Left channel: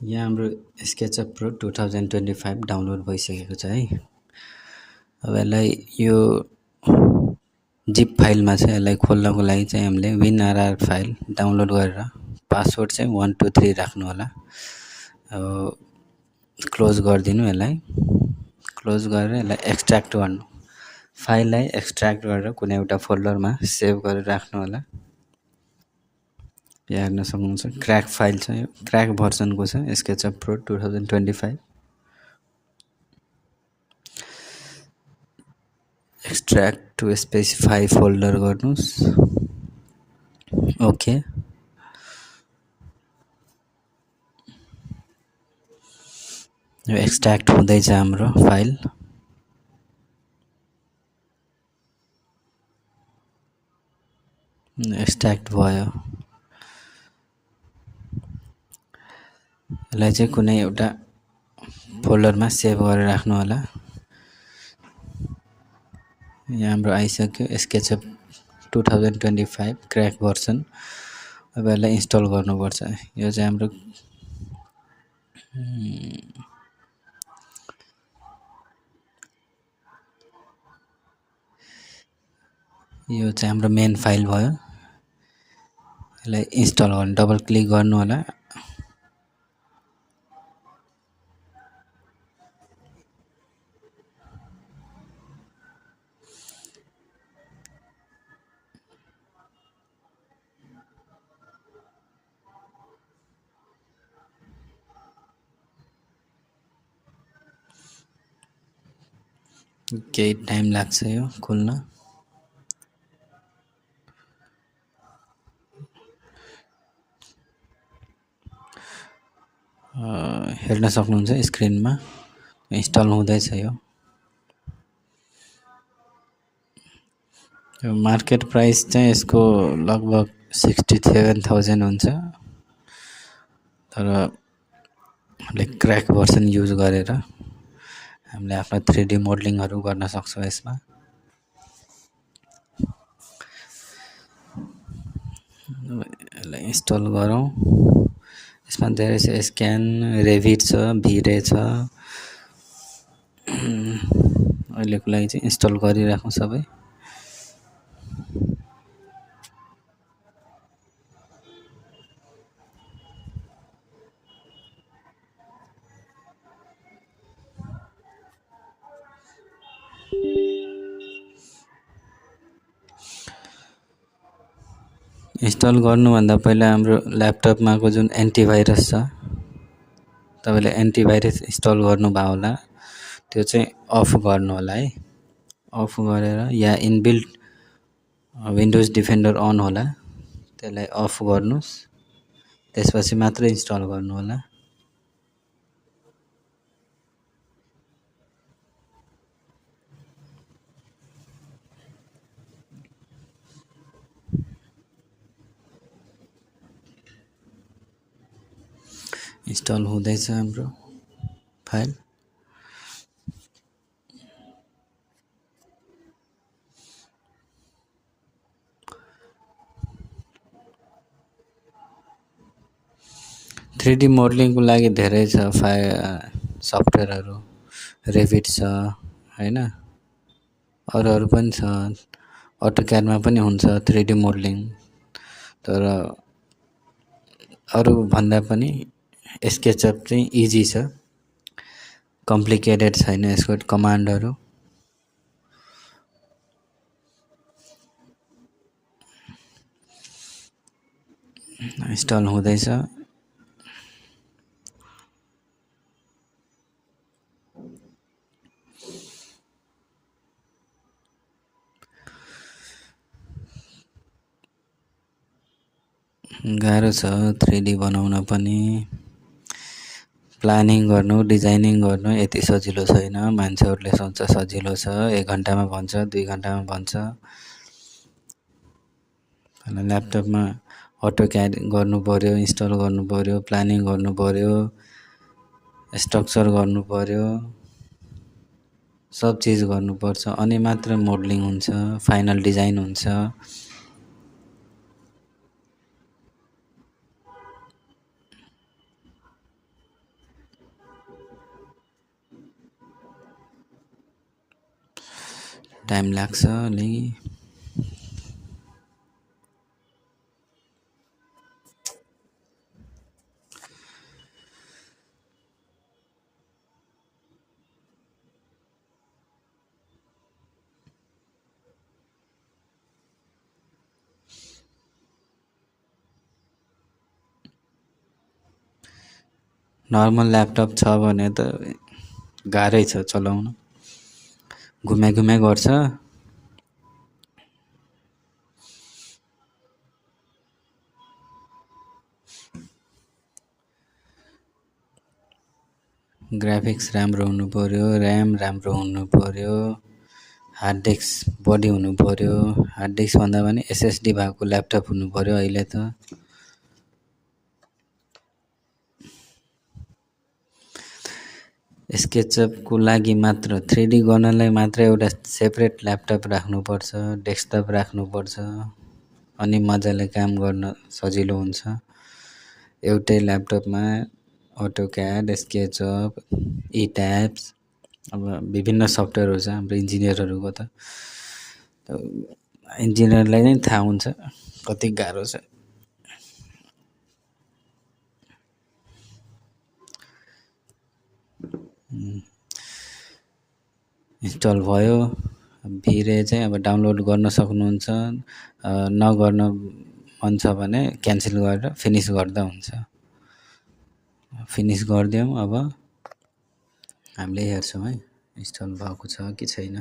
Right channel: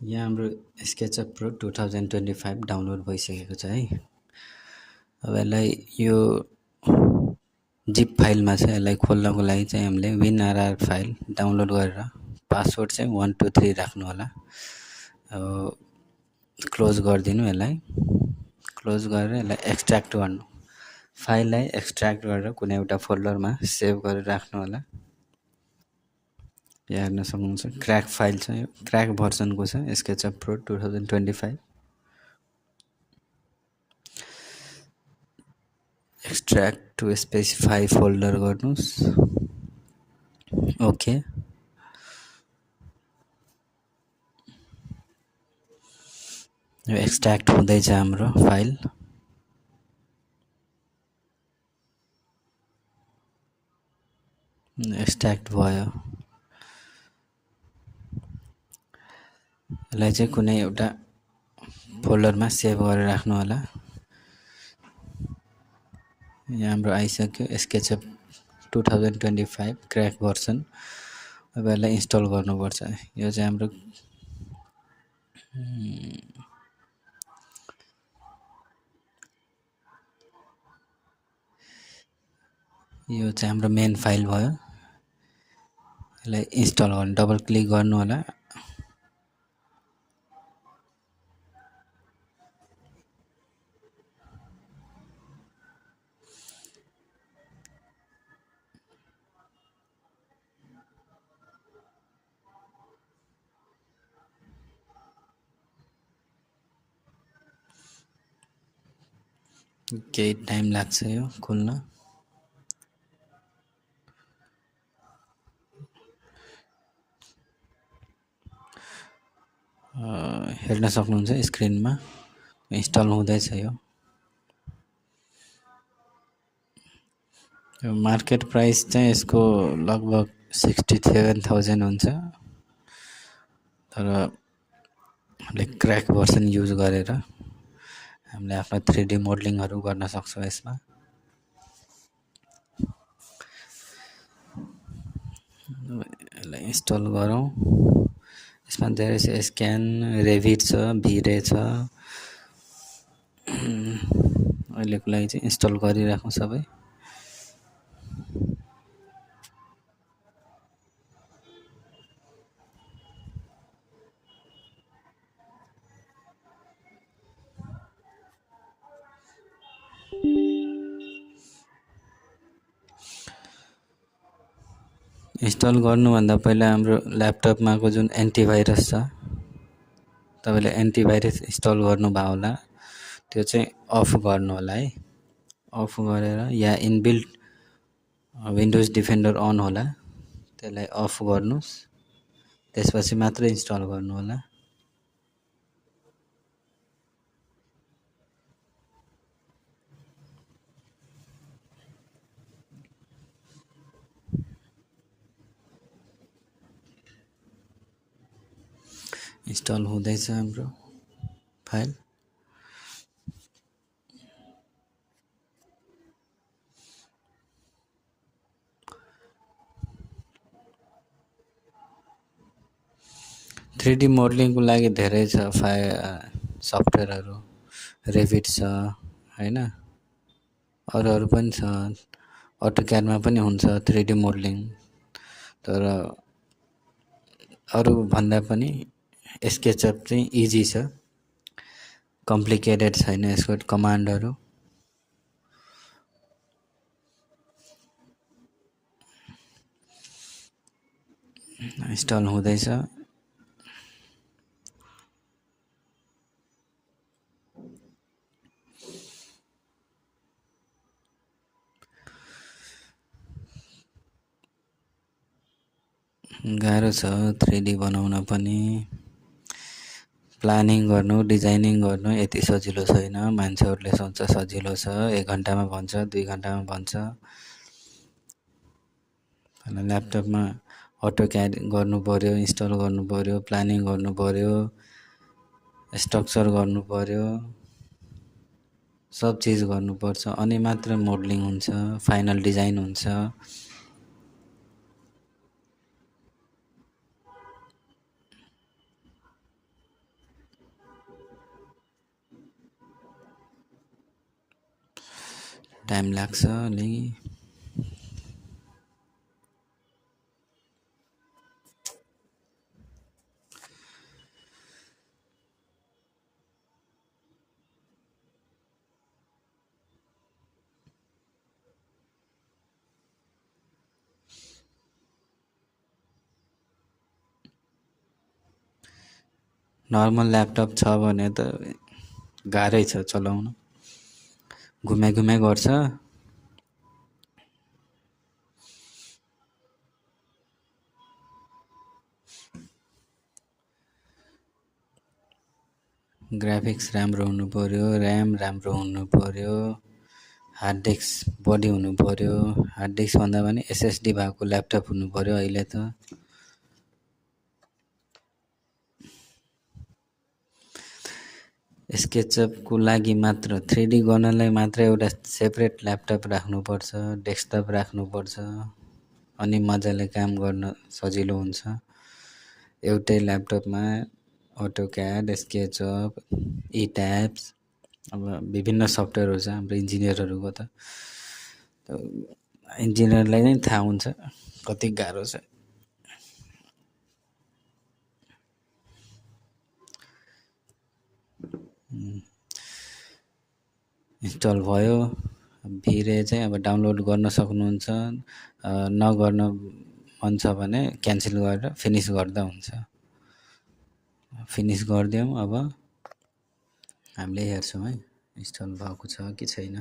यहाँ हाम्रो SketchUp Pro 2025 download भइसकेको छ है। अब यसलाई यो जिप फाइलमा चाहिँ यसलाई खोल्नको लागि चाहिँ हामीले WinRR फाइल डाउनलोड गरेर पासवर्ड चाहिँ 123 राख्नु होला। अब क्लोज गरिदिनु, यसलाई क्लोज गरेर यसलाई एक्सट्र्याक्ट गर्नु, फाइललाई एक्सट्र्याक्ट गरेर कुनै एउटा फोल्डरमा सेभ गरेर राख्नु होला। यहाँ हेर्न सक्नुहुन्छ क्र्याक फाइल छ, यो क्र्याक भर्सनको छ SketchUp Pro 2025। Extract to specify folder गर्नुहोस्, ओके। यो एक्सट्र्याक्ट हुँदैछ हाम्रो फाइल। एक्सट्र्याक्ट भयो। यसलाई चाहिँ कुनै एउटा फोल्डरमा सेभ गरेर राख्नु होला। यहाँ हाम्रो आइसक्यो स्केचअप 2025 क्र्याक भर्सन। अब यसलाई इन्स्टल गर्नुपर्छ। यो चाहिँ हाम्रो मेन फाइल भयो। यसलाई इन्स्टल गर्नु, डबल क्लिक गर्नु होला। केही टाइम लाग्छ यो खोल्न। हेर्न सक्नुहुन्छ स्क्रिनमा इन्स्टल हुँदैछ। यो मार्केट प्राइस चाहिँ यसको लगभग 67,000 हुन्छ। तर हामीले क्र्याक भर्सन युज गरेर हामीले आफ्नो 3D मोडलिङहरू गर्न सक्छौँ यसमा। यसलाई इन्स्टल गरौँ। यसमा धेरै छ, स्क्यान, रेभिट छ, भिरे छ। अहिलेको लागि चाहिँ इन्स्टल गरिराखौँ सबै। इन्स्टल गर्नुभन्दा पहिला हाम्रो ल्यापटपमाको जुन एन्टिभाइरस छ, तपाईँले एन्टिभाइरस इन्स्टल गर्नुभयो होला, त्यो चाहिँ अफ गर्नु होला है। अफ गरेर या इनबिल्ट विन्डोज डिफेन्डर अन होला, त्यसलाई अफ गर्नुहोस्। त्यसपछि मात्र इन्स्टल गर्नु होला। इन्स्टल हुँदैछ हाम्रो फाइल। थ्री डी मोडलिङको लागि धेरै छ सफ्टवेयरहरू, रेभिट छ होइन, अरूहरू पनि छ। अटोक्याडमा पनि हुन्छ 3D मोडलिङ। तर अरूभन्दा पनि स्केचअप चाहिँ इजी छ, कम्प्लिकेटेड छैन यसको कमान्डहरू। इन्स्टल हुँदैछ। गाह्रो छ 3D बनाउन पनि। प्लानिङ गर्नु, डिजाइनिङ गर्नु यति सजिलो छैन। मान्छेहरूले सोच्छ सजिलो छ, 1 घन्टामा भन्छ, 2 घन्टामा भन्छ। ल्यापटपमा अटोक्याड गर्नु पर्यो, इन्स्टल गर्नु पर्यो, प्लानिङ गर्नु पर्यो, स्ट्रक्चर गर्नु पर्यो, सब चिज गर्नुपर्छ, अनि मात्र मोडलिङ हुन्छ, फाइनल डिजाइन हुन्छ। टाइम लाग्छ अलि। नर्मल ल्यापटप छ भने त गाह्रै छ चलाउन, घुमे गर्छ। ग्राफिक्स राम्रो हुनु पर्यो, ऱ्याम राम्रो हुनु पर्यो, हार्ड डिस्क बढी हुनु पर्यो। हार्ड डिस्क भन्दा पनि एसएसडी भएको ल्यापटप हुनु पर्यो अहिले त। स्केचअपको लागि मात्र 3D गर्नलाई मात्र एउटा सेपरेट ल्यापटप राख्नुपर्छ, डेस्कटप राख्नुपर्छ, अनि मजाले काम गर्न सजिलो हुन्छ। एउटै ल्यापटपमा अटोक्याड, स्केचअप, इट्याब्स, अब विभिन्न सफ्टवेयरहरू छ हाम्रो इन्जिनियरहरूको त। इन्जिनियरलाई नै थाहा हुन्छ कति गाह्रो छ। इन्स्टल भयो, भिरे चाहिँ अब डाउनलोड गर्न सक्नुहुन्छ। नगर्न मन छ भने क्यान्सल गरेर फिनिस गर्दा हुन्छ। फिनिस गरिदिउँ, अब हामीले हेर्छौँ है इन्स्टल भएको छ कि छैन।